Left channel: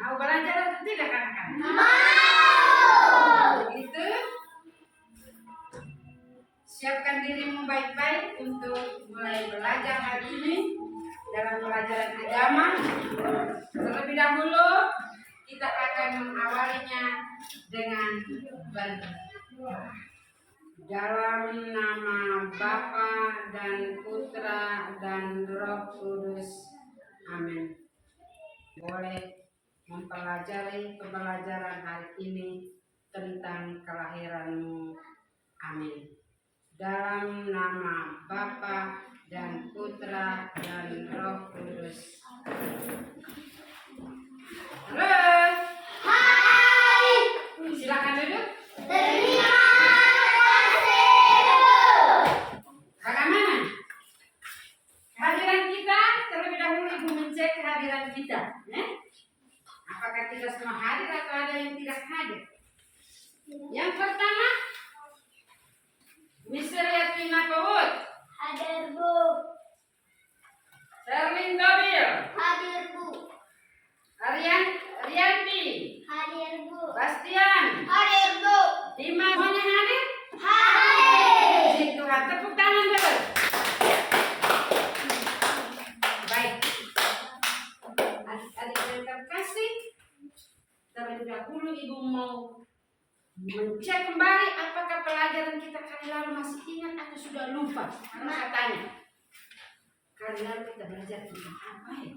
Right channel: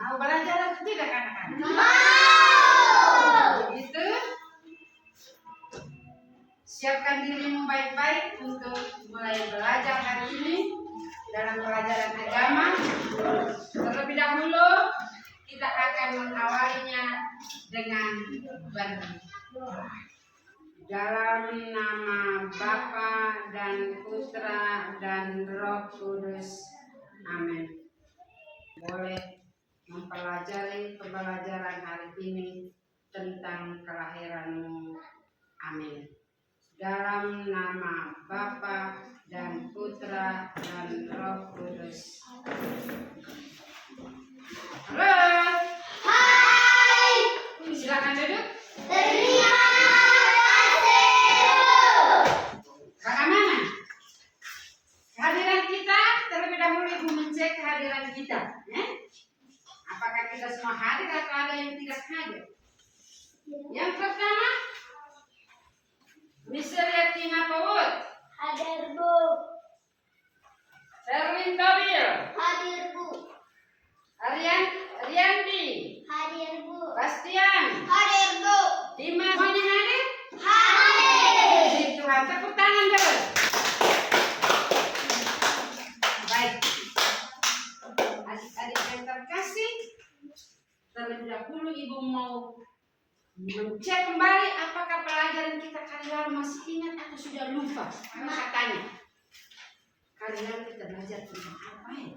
Mau belajar atau tidak anak-anak? Mau. Begitu. Siapkan dirimu baik-baik untuk mulai belajar hari ini dalam pelajaran agama. Terlebih dahulu kita akan mengawalinya dengan berdoa. Dalam nama Bapa dan Putra dan Roh Kudus. Amin. Boleh mempelajari pembelajaran hari ini tentang kelahiranmu. Amin. Dalam nama Bapa dan Putra dan Roh Kudus. Halo. Hai. Silakan duduk. Terima kasih. Bagaimana? Kehadiran kita, terlebih dahulu Ibu mencek kehadiran kita. Apakah kita semua hadir atau ada yang tidak hadir? Yang pertama, Misalnya Tina Pawut. Hadir, Bu. Sherlyn Tobil. Hadir, Bu. Rianti. Hadir, Bu. Bastian. Hadir, Bu. Dimas. Semuanya hadir? Hadir. Puji Tuhan. Tepuk tangan dulu. Baik. Adik-adik yang terkasih, terlebih dahulu Ibu mau mencek kembali apakah pelajaran kita kali lalu masih ingat atau sudah lupa. Karena katanya kali lalu kita belajar tentang apa ya?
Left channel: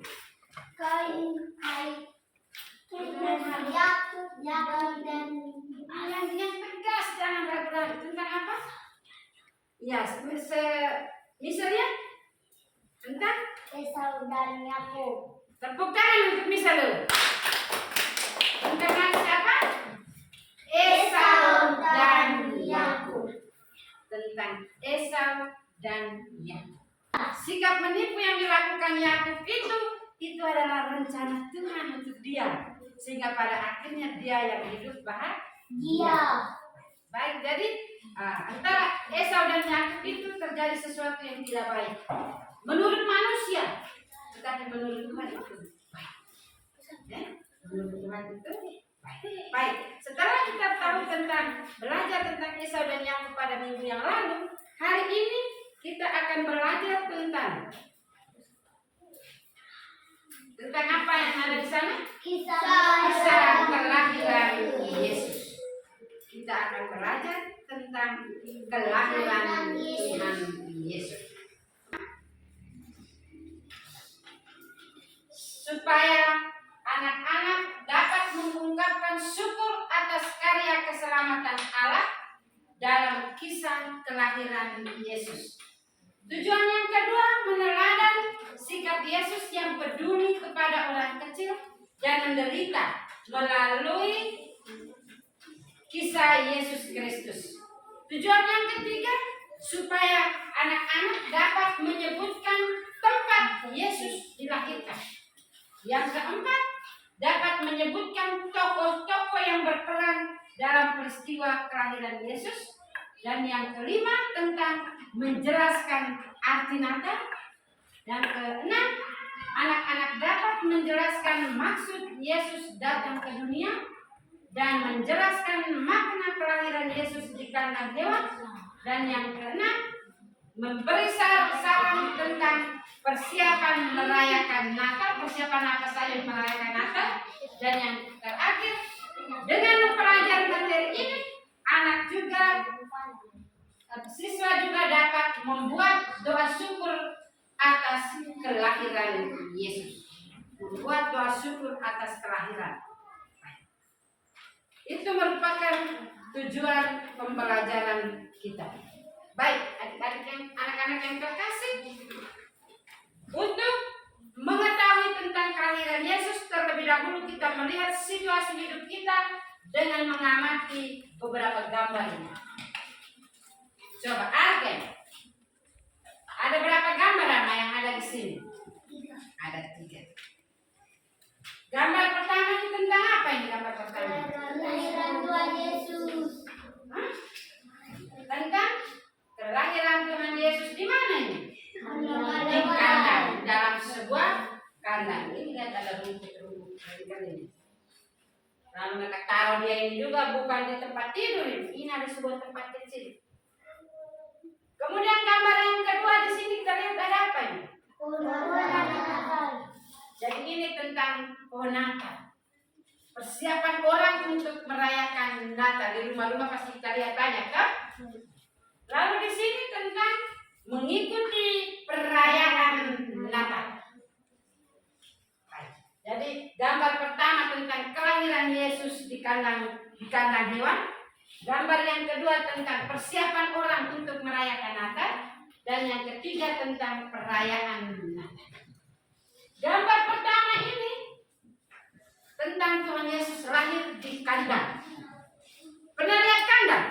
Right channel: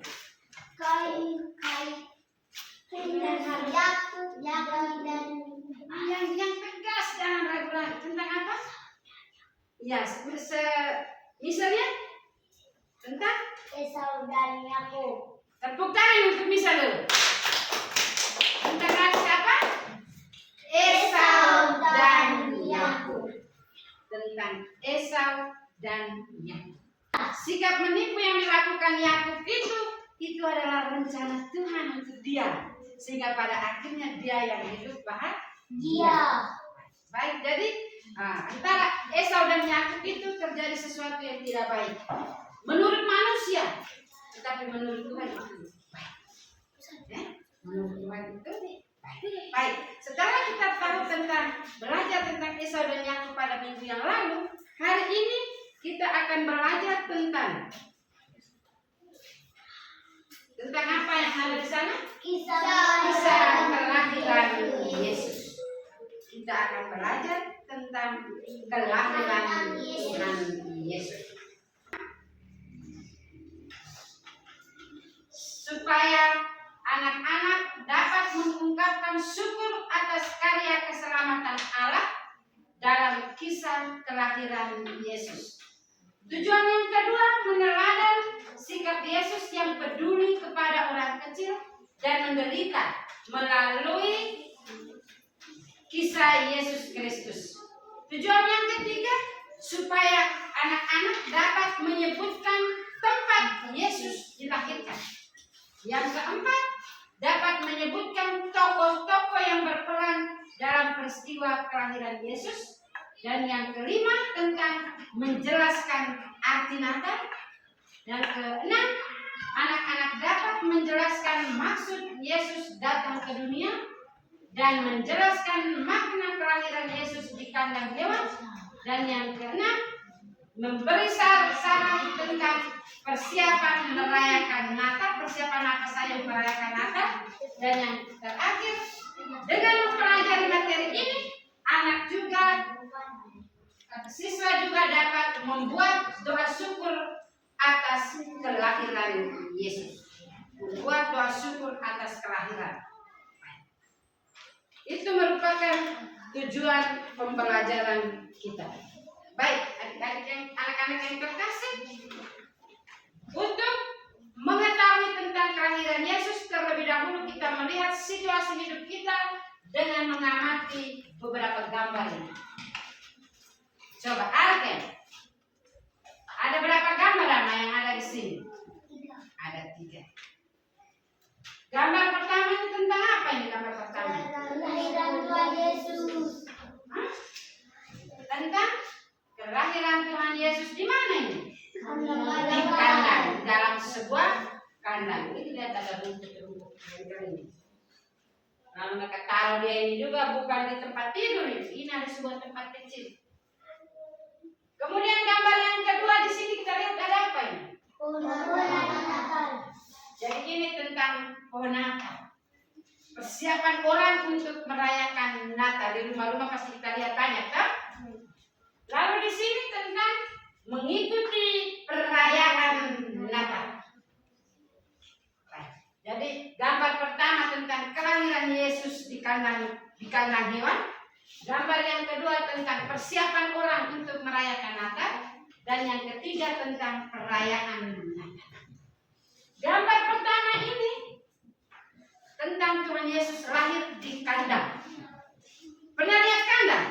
Yang tegas, jangan ragu-ragu. Tentang apa? Ya, misalnya tentang Esau dan Yakub. tepuk tangan untuk misal dulu. Tentang apa? Esau dan Yakub. Tentang Esau dan Yakub. Sikap menipu yang dilakukan Yakub itu adalah rencana Tuhan untuk dia, sehingga pada akhirnya dia yang hidup bahagia. Baik, jadi antara Esau dan Yakub itu terjadi sesuatu yang tidak baik menurut manusia, tetapi menurut Tuhan itu baik. Menurut Tuhan itu baik. Setelah kita tahu belajar tentang Esau dan Yakub pada minggu yang lalu, hari ini kita akan belajar tentang apa yang ada di sana? Kisah kelahiran Yesus. Kita akan belajar tentang kelahiran Tuhan Yesus. Supaya anak-anak dapat mengungkapkan syukur atas karya keselamatan Allah dalam kisah kelahiran Yesus. Tujuan yang kedua, meneladani sikap Yesus yang peduli kepada orang kecil dan menderita melalui kisah Yesus Kristus. Tujuan yang ketiga, supaya anak-anak dapat menyebutkan tempat Yesus dilahirkan. Yang keempat, dapat menyebutkan tokoh-tokoh yang berperan dalam peristiwa kelahiran Yesus. Dan yang kelima, tentang menjelaskan arti Natal. Yang keenam, anak-anak dapat menjelaskan maksud Yesus datang ke dunia dan menjelaskan makna kelahiran Yesus di kandang hewan. Dan yang keenam, memberi saran tentang persiapan merayakan Natal, persiapan apa saja merayakan Natal. Dan yang terakhir, dengan mempelajari materi ini, siswa juga dapat membuat doa syukur atas kelahiran Yesus. Membuat doa syukur atas kelahiran. Itu merupakan tujuan pembelajaran kita. Baik, anak-anak yang terkasih, untuk mengetahui tentang kelahiran Yesus, terlebih dahulu kita melihat situasi hidup kita dengan mengamati beberapa gambar ini. Coba Arken, ada berapa gambar yang ada di sini? Ada 3. Gambar pertama ini tentang apa ini gambar pertama? Kelahiran Tuhan Yesus. Tentang kelahiran Tuhan Yesus di mana ini? Di Kandang. kandang, dalam sebuah kandang. Ini lihat ada rumput-rumput kering. Lalu mereka taruh dia ini juga bukan di tempat tidur ini ada sebuah tempat kecil. Kemudian gambar yang kedua di sini kita lihat ada apa ini? Pohon Natal. Jadi ini tentang pohon Natal. Persiapan orang untuk merayakan Natal di rumah-rumah pasti kita lihat banyak kan? Lalu di sini tentang mengikuti perayaan Natal. Baik. Jadi gambar pertama tentang kelahiran Yesus di kandang hewan. Gambar yang kedua tentang persiapan orang untuk merayakan Natal. Dan yang ketiga tentang perayaan Natal. Gambar pertama ini tentang Tuhan Yesus lahir di kandang. Pernah lihat kandang?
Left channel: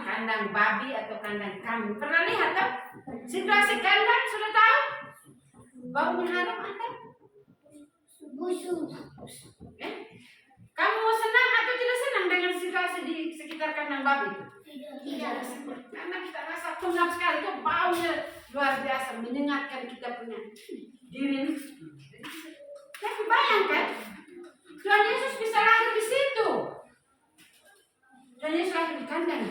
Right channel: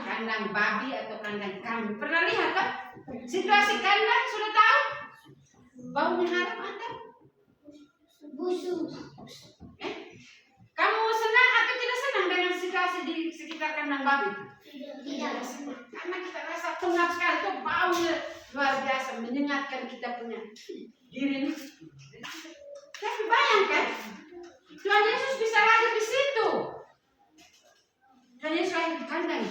Kandang babi atau kandang kambing. Pernah lihat tak? Situasi kandang sudah tahu? Baunya harum atau? Busuk. Kamu senang atau tidak senang dengan situasi di sekitar kandang babi? Tidak. Karena kita rasa pengap sekali. Itu baunya luar biasa. Menyengatkan kita punya diri ini. Tapi bayangkan, Tuhan Yesus bisa lahir di situ. Tuhan Yesus lahir di kandang.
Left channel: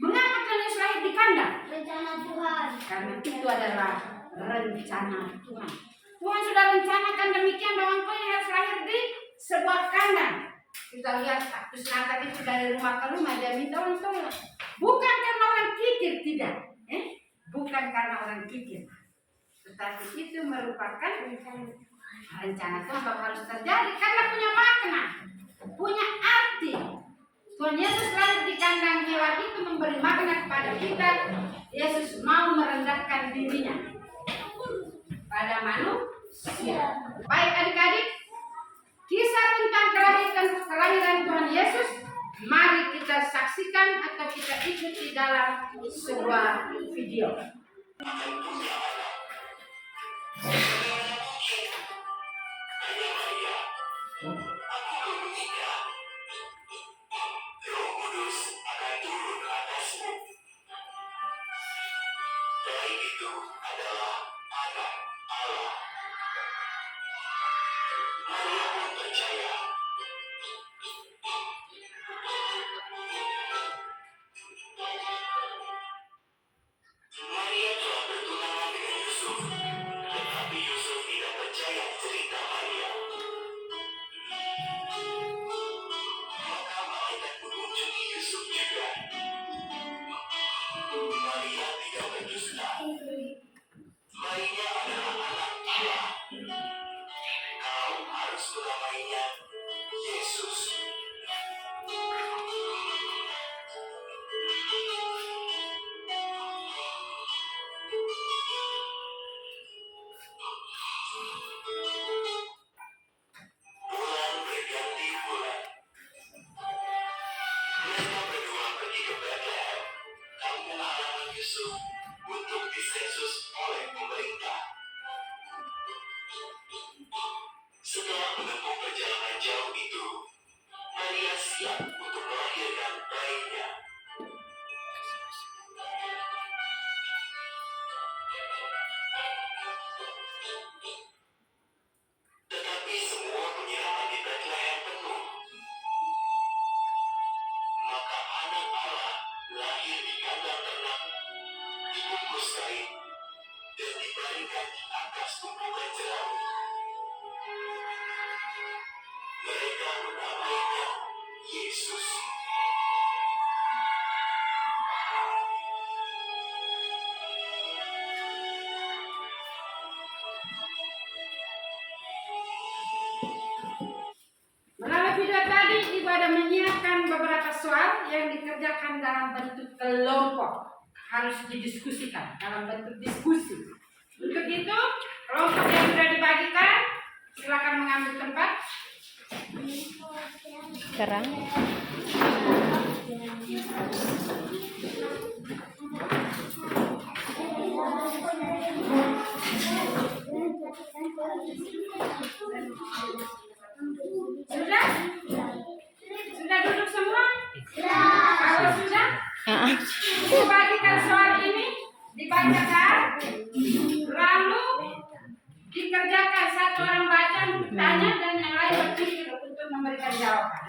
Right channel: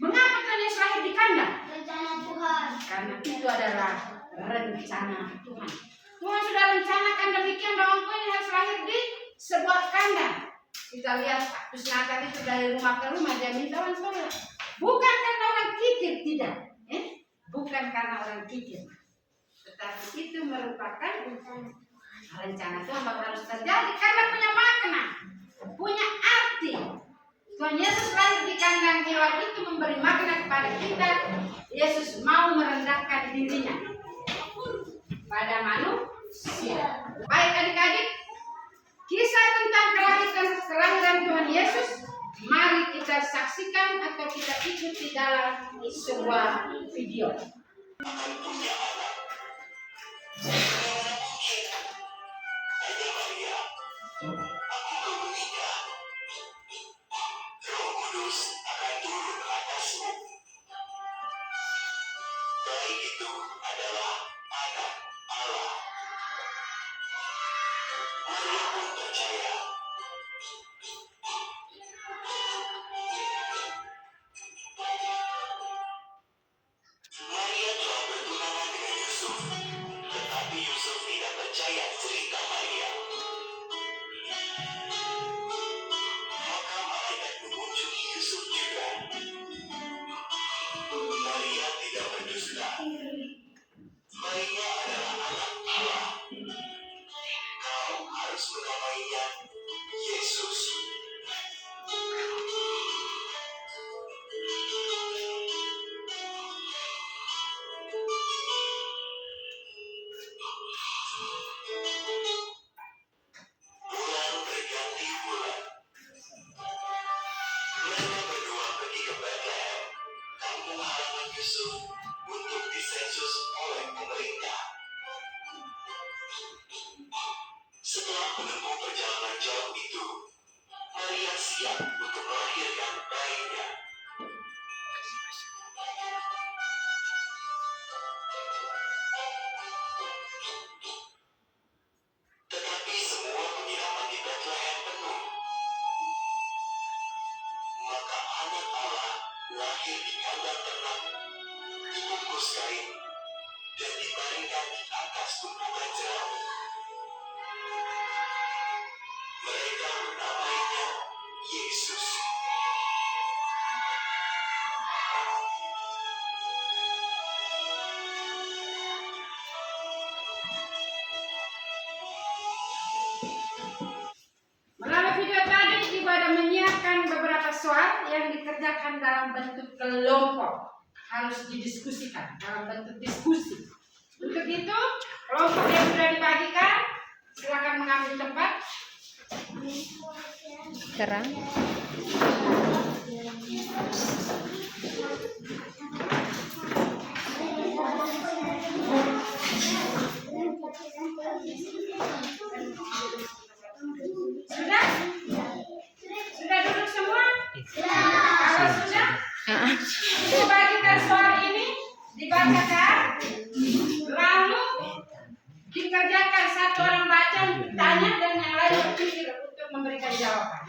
Mengapa Tuhan Yesus lahir di kandang? Rencana Tuhan. Karena itu adalah rencana Tuhan. Tuhan sudah rencanakan demikian bahwa engkau ini harus lahir di sebuah kandang. Kita lihat aktus Natal itu dari rumah ke rumah dia minta orang tolong. Bukan karena orang kikir, tidak. Bukan karena orang kikir. Tetapi itu merupakan rencana Tuhan bahwa harus terjadi karena punya makna, punya arti. Tuhan Yesus lahir di kandang hewan itu memberi makna kepada kita. Yesus mau merendahkan dirinya pada manusia. Baik adik-adik, kisah tentang kelahiran Tuhan Yesus mari kita saksikan atau kita ikuti dalam sebuah video. Video tadi Ibu ada menyiapkan beberapa soal yang dikerjakan dalam bentuk kelompok, harus didiskusikan dalam bentuk diskusi. Untuk itu kelompok yang sudah dibagikan silakan mengambil tempat. Sekarang Sudah duduk semua? Kalau sudah, bagikan soal ini dibacakan, lalu dikerjakan, satu orang baca, tanya dan yang lain berpikir untuk memberi jawaban.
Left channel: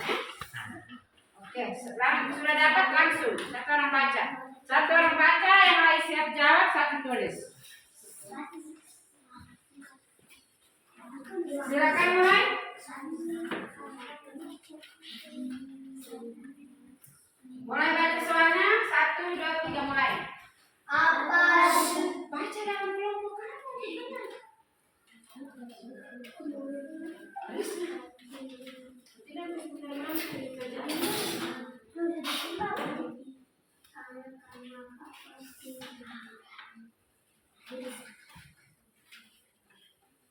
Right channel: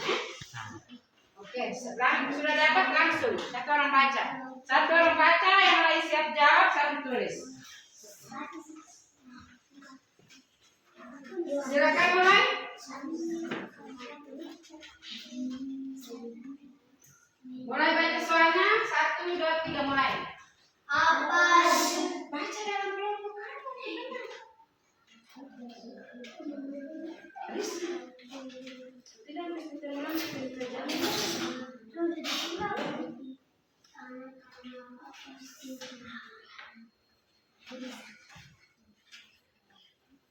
Oke, sudah dapat langsung. Satu orang baca. Satu orang baca, yang lain siap jawab, satu tulis. Silakan mulai. Mulai baca suaranya. 1, 2, 3 mulai. Apa? Baca dalam kelompok kamu. Risna. Tidak harus putar-putar di kerjaan.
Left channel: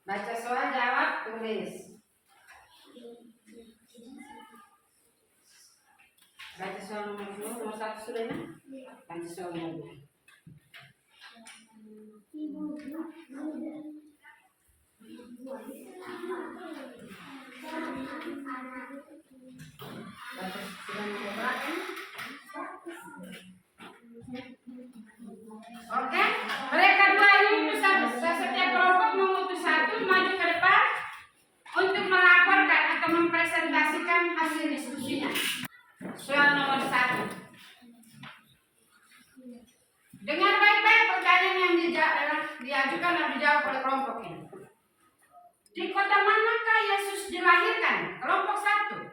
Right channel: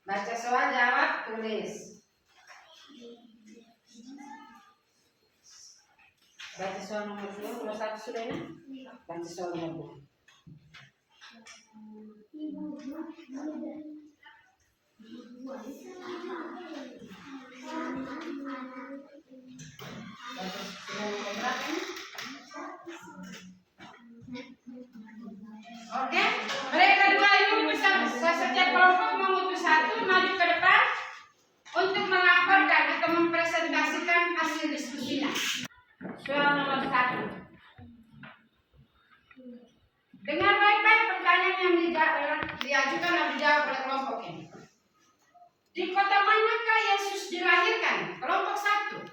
Baca soal, jawab, tulis. Baca soal nomor 2, nomor 1 sudah ya? Baca soal nomor 2. Baca sudah nomor berapa? Oke, mereka dua ini bisa setiap kelompok mengutus satu maju ke depan untuk melaporkan atau mempresentasikan hasil diskusinya. Soal nomor 1. Dengar baik-baik pertanyaan yang diajukan dan dijawab oleh kelompok ini. Di kota manakah Yesus dilahirkan? Kelompok 1.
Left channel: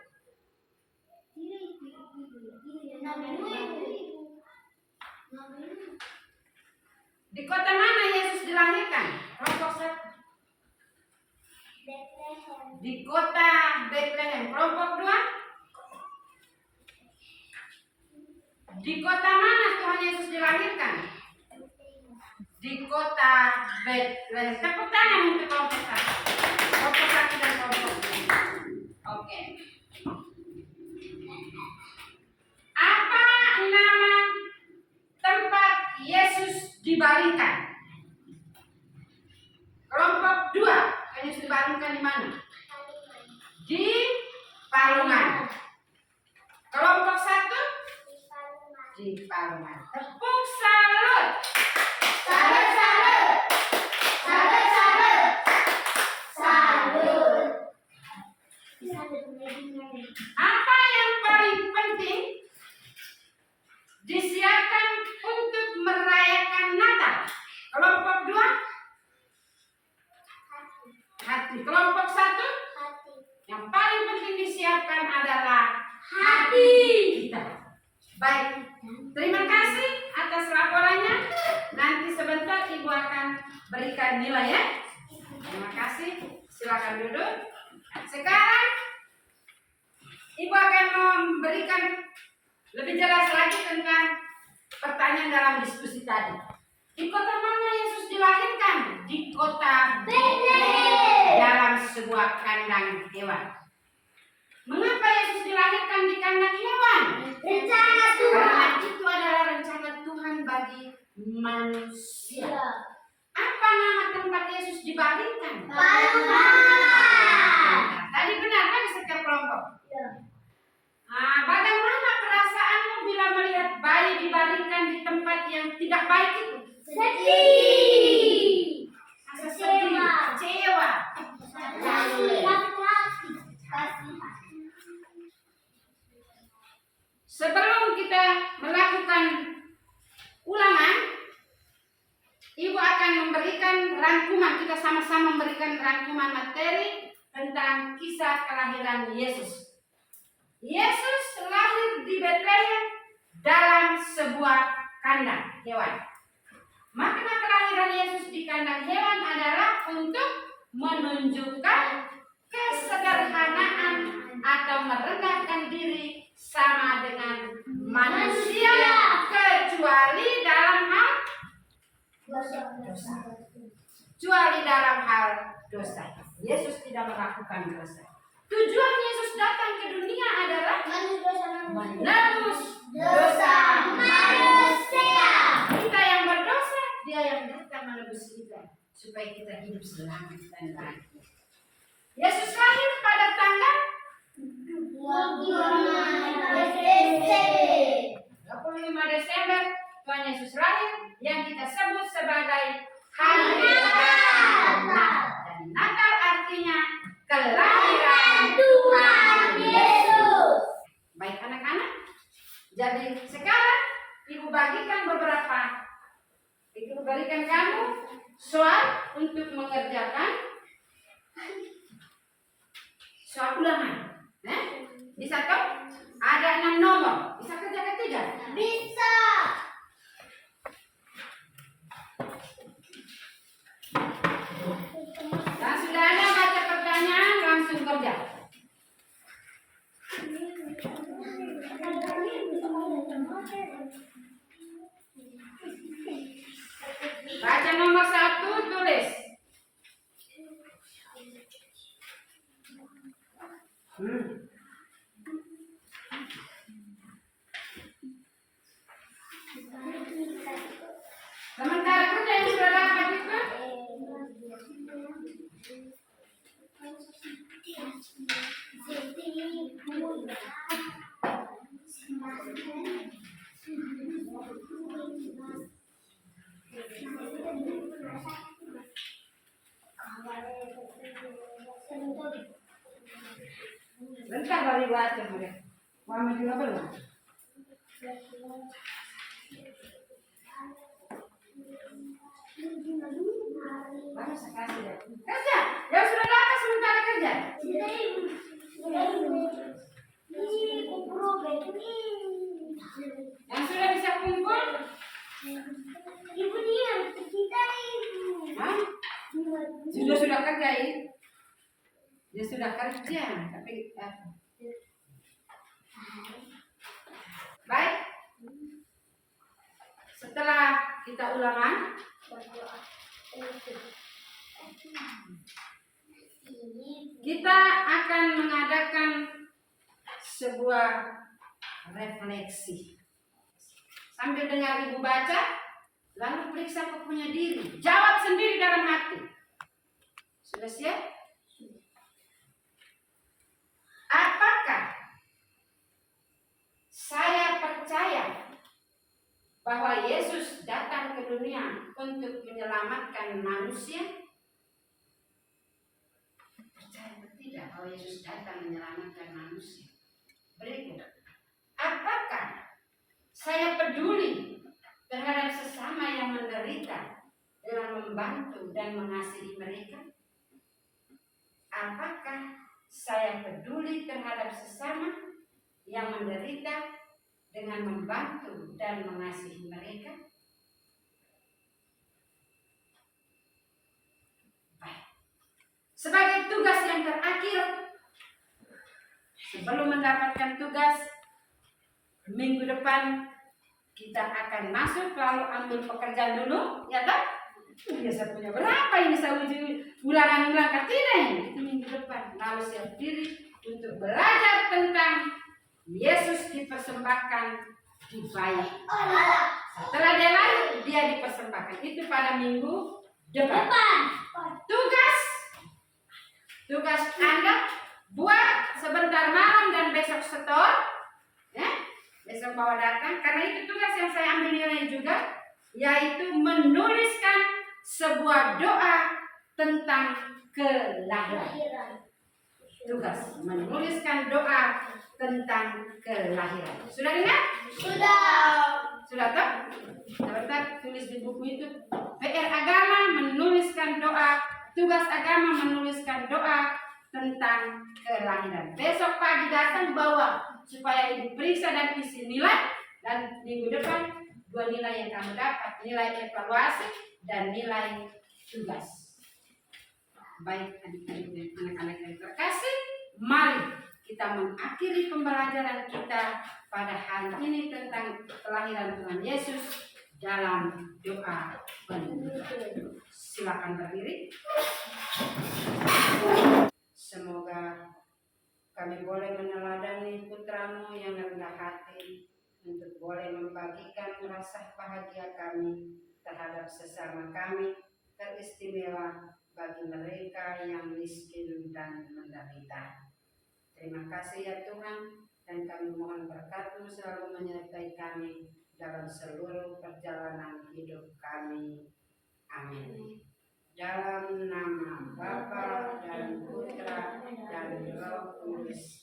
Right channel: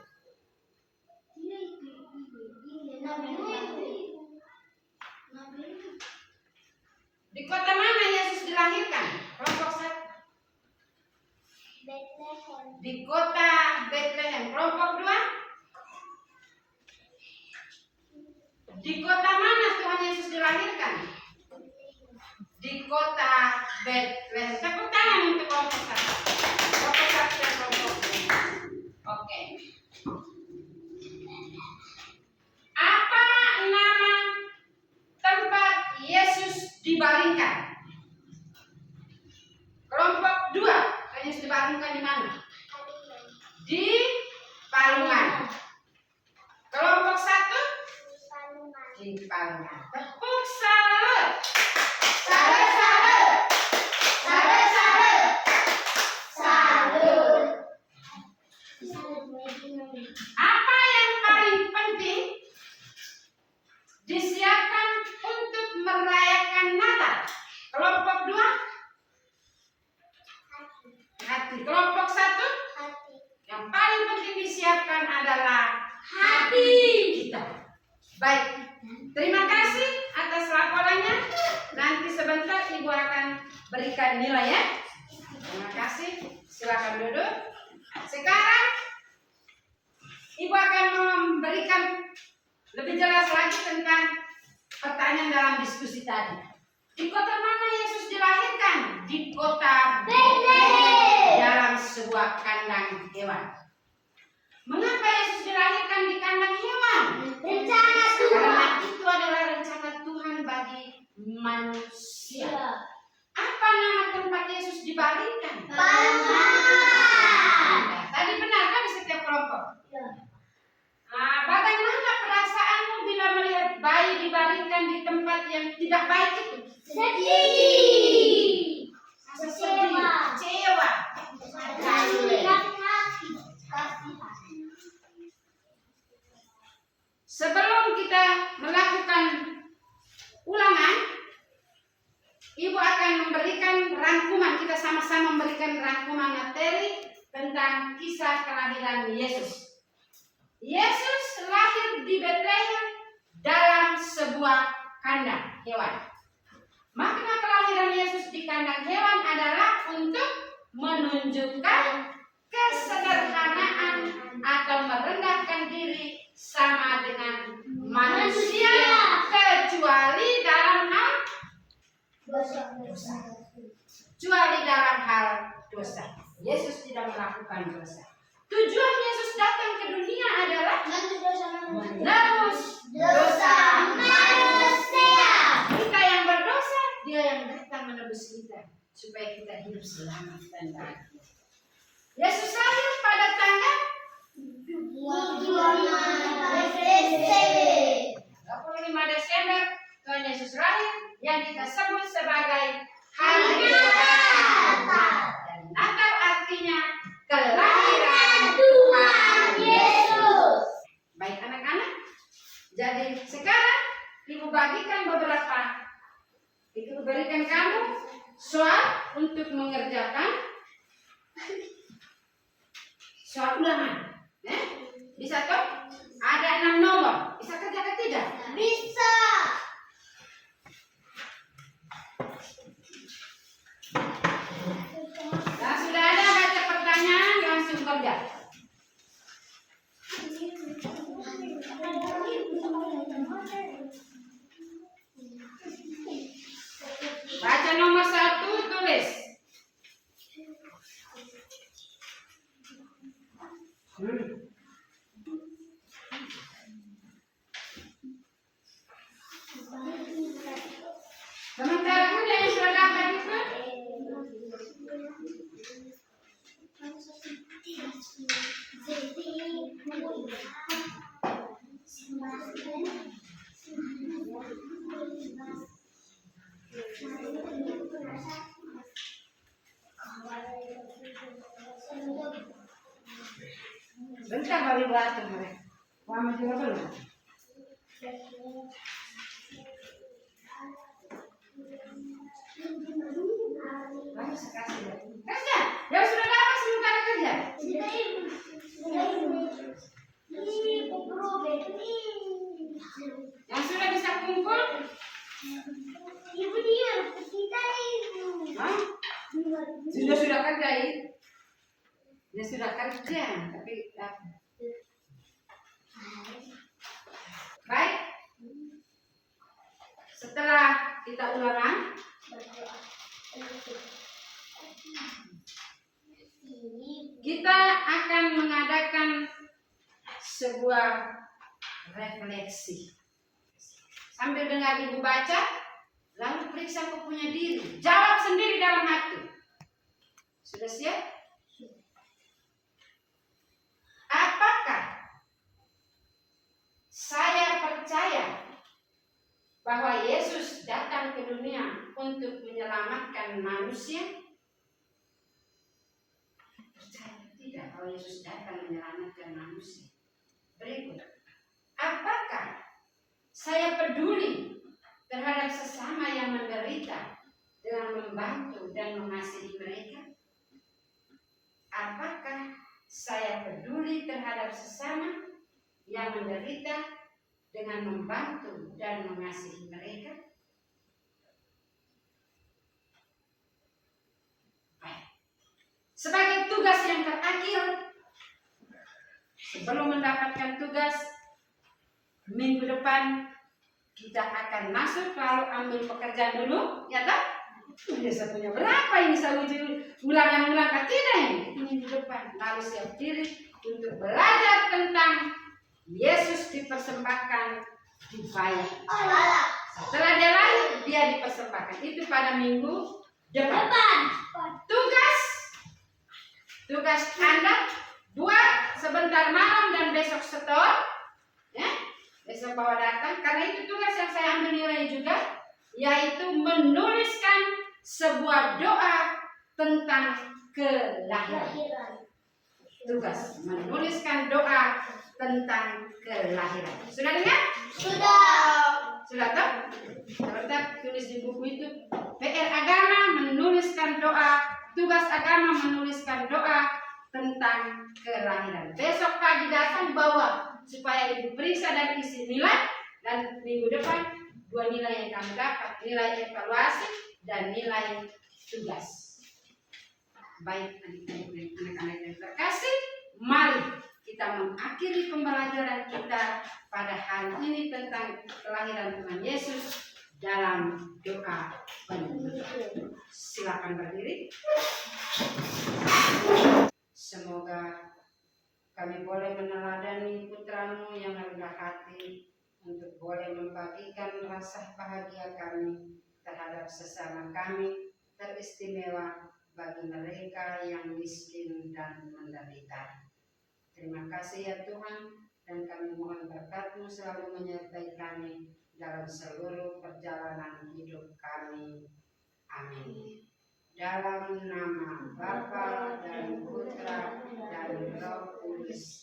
Di kota mana Yesus dilahirkan? Kelompok 1. Di kota Bethlehem. Kelompok 2. Di kota mana Tuhan Yesus dilahirkan? Di kota Bethlehem. Tepuk tangan untuk kelompok 1. Kelompok 1 dan kelompok 2. Oke. Apa nama tempat Yesus dibaringkan? Kelompok 2. Yesus dibaringkan di mana? Di Palungan. Kelompok 1. Di Palungan. Tepuk salut. Salut, salut. Salut, salut. Salut. Apa yang paling penting disiapkan untuk merayakan Natal? Kelompok 2. Hati. Kelompok 1. Yang paling penting disiapkan adalah hati kita. Baik, terima kasih atas laporannya. Nanti sebentar Ibu akan berikan nilai ya. Terima kasih. Silakan duduk. Sekarang Ibu akan memberikan lebih jelas lagi tentang pertanyaan dalam diskusi tadi. Di kota mana Yesus dilahirkan? Di kota Bethlehem, dalam sebuah kandang hewan. Mengapa Yesus dilahirkan di kandang hewan? Rencana Tuhan. Karena itu adalah rencana Tuhan bagi manusia. Apa nama tempat Yesus dibaringkan? Palungan. Tadi benar kan di setiap kelompok? Nah, bagaimana perasaanmu bila melihat bayi dibaringkan di tempat yang tidak baik itu? Sedih. Rasa sedih, kecewa. Sebelum kita melakukan ulangan, Ibu akan memberikan rangkuman. Kita sama-sama memberikan rangkuman materi tentang kisah kelahiran Yesus. Yesus lahir di Bethlehem dalam sebuah kandang hewan. Makna kelahiran Yesus di kandang hewan adalah untuk menunjukkan kesederhanaan atau merendahkan diri sama dengan manusia kecuali dalam hal dosa. Kecuali dalam hal dosa. Yesus tidak melakukan dosa. Tujuan Yesus datang ke dunia adalah menebus dosa manusia. Kita yang berdosa, Dia yang datang menebus kita supaya kita hidup selamat dan bahagia. Yesus lahir pada tanggal 25 Desember. Tuhan Yesus lahir yang kita sebut sebagai Hari Natal. Dan Natal artinya kelahiran Tuhan Yesus. soal untuk mengerjakan soal ulangan. Bisa toh? Ada 6 nomor. Bisa kerjakan tidak? Bisa. Dan sudah ada baca pertanyaan, langsung kerja. Baca nomor 1, tulis. Sementara kerja yang sudah dapat itu, bentar baru baca mereka. Mama juga belum. Kamu sekasih ya. Kerja. Yang sudah dapat sementara kerja. Yang sudah bisa kumpul. Ibu diam, kita ibu. Hah? Sudah kerja ya? Ya sudah kerja, tapi baik. Setelah kita ulangan, kita akan mengadakan sebuah refleksi. Sambil dengar ibu baca, lalu periksa kau punya diri. Jawab sendiri dalam hati. Sudah siap? Apakah saya percaya bahwa Yesus datang ke dunia untuk menyelamatkan manusia? Percaya atau tidak bahwa Yesus datang menyelamatkan manusia? Berikut. Apakah saya peduli terhadap sesama yang menderita dengan membantu dan mengasihi mereka? Apakah saya peduli terhadap sesama yang menderita dengan membantu dan mengasihi mereka? Baik. Sebagai tugas yang terakhir, sebelum mendapatkan tugas, minggu depan kita akan masuk, lalu ambil pekerjaan dulu, ya tak? Saya punya berapa ini saya uji ulangan-ulangan tidak ini? Itu minggu depan. Lalu siap diri untuk belajar tentang Yesus dipersembahkan di bayi. Setelah dia lahir, dia dipersembahkan. Itu pada minggu depan. Tugas Anda buat sebentar malam dan besok setor. Ya? Besok bawa datang. Karena itu tugas yang saya ambil nilai juga, yaitu menuliskan sebuah doa tentang kelahiran. Tugas menuliskan doa tentang kelahiran. Sudah dengar? Sudah tahu? Sebentar tulis di buku itu. PR agama menuliskan doa, tugas agama menuliskan doa tentang kelahiran. Besok pagi datang bawa supaya diperiksa dan isi nilai, dan minggu depan 2 nilai yang kamu dapat, nilai evaluasi dan nilai tugas. Baik adik-adik dan anak-anak yang terkasih, mari kita mengakhiri pembelajaran kita pada hari ini tentang kelahiran Tuhan Yesus dalam doa penutup. Silakan berdiri. Semoga kami boleh meneladani putramu yang rendah hati untuk boleh membagikan rasa bahagia kami terhadap sesama kami, teristimewa bagi mereka yang miskin dan menderita. Terima kasih ya Tuhan, dan kami mohon berkat-Mu selalu menyertai kami dalam seluruh perjalanan hidup kami. Amin. Dalam nama Bapa dan Putra dan Roh Kudus.